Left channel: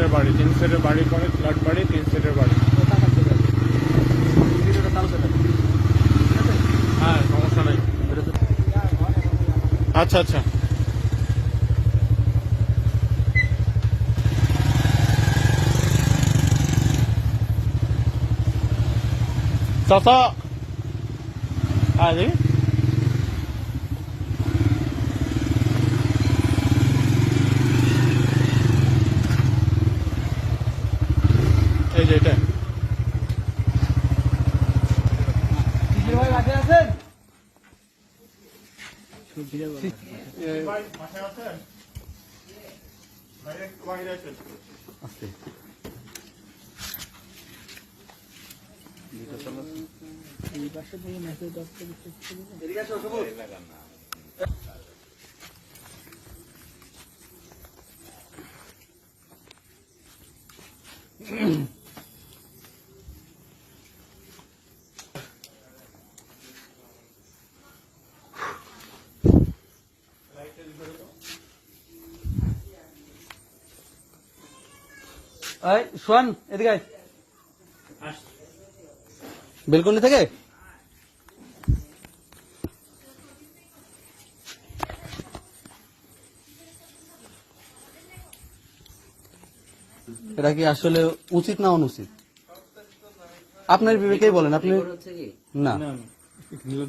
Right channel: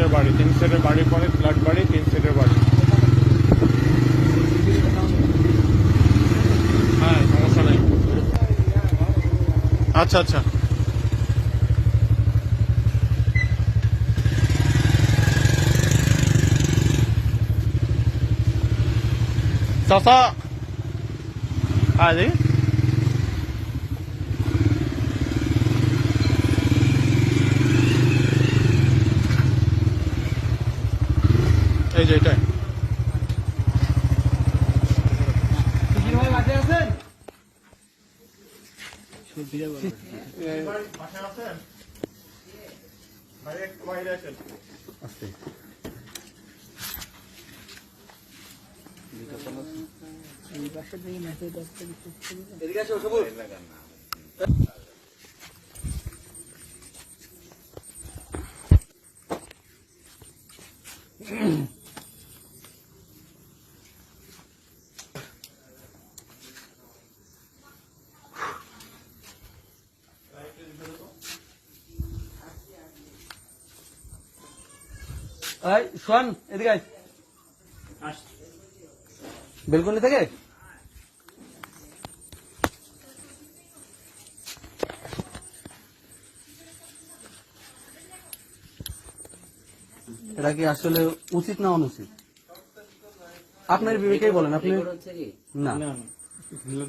সেটের বাড়ি, 3 সেটের বাড়ি পরে ফ্ল্যাট বাড়ি, 3 সেটের বাড়ি। হ্যাঁ, সমস্যা নেই। আচ্ছা আচ্ছা, চাচা আরে এই যে এটা শোন এদিকে বেলকুনি থেকে এটা কি আসলে উচিত না অনুচিত আপনার বিবেকেই বলেন। আপনি না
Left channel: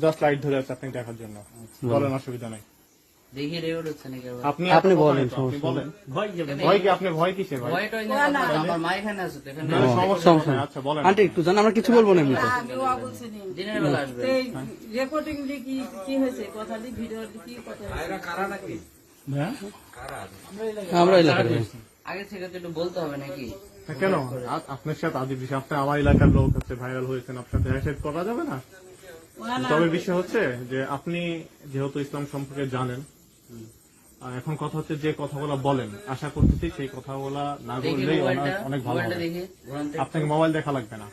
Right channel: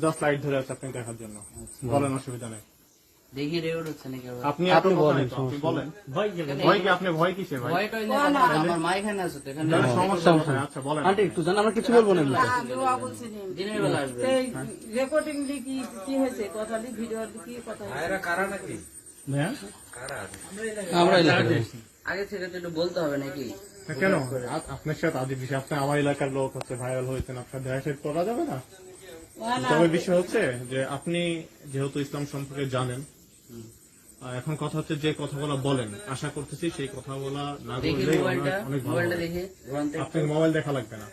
জাস্ট লাইট ধরে আছে আপনি দেখার জন্য, বলেন, অসুবিধা নেই। দেখি রেকর্ড হচ্ছে নাকি আবার? আপনি বলেন, আপনি বলেন। ভয় কি? আপনি ভয় কিসের? ভাই ভয়টা হইলে আমার মা এখানে আছে তো, এখানে সমস্যা নেই। আচ্ছা বলেন। আন্টি একটু জান, আমরা কিছু বলবো না এমনিতে। দিনের বেলা আসবে। রেকর্ডিং দিয়ে কি হয়েছে, কথা দিয়ে ভিডিও কি কথা হয়েছে? হ্যাঁ আমরা এলাকার লোক। আগে থেকে তো একটু বলতে হবে নাকি? কেন আপনার সাথে আদি বিষয়, আপনি আমার এলাকার লোক হচ্ছে, ভাইরাল হয়েছেন, আপনার দেখা সাথে করা যাবে না। তবে বিষয় হচ্ছে যে আপনি যেহেতু ইসলাম সম্পর্কে জানেন, আর এখন কথা হচ্ছে যে কথাগুলো বলেন, আশা করতেছি সেই কথাগুলা না বললেই অনেক ভালো হবে। দেখি আপনাকে মোবাইল দেখা লাগবে না।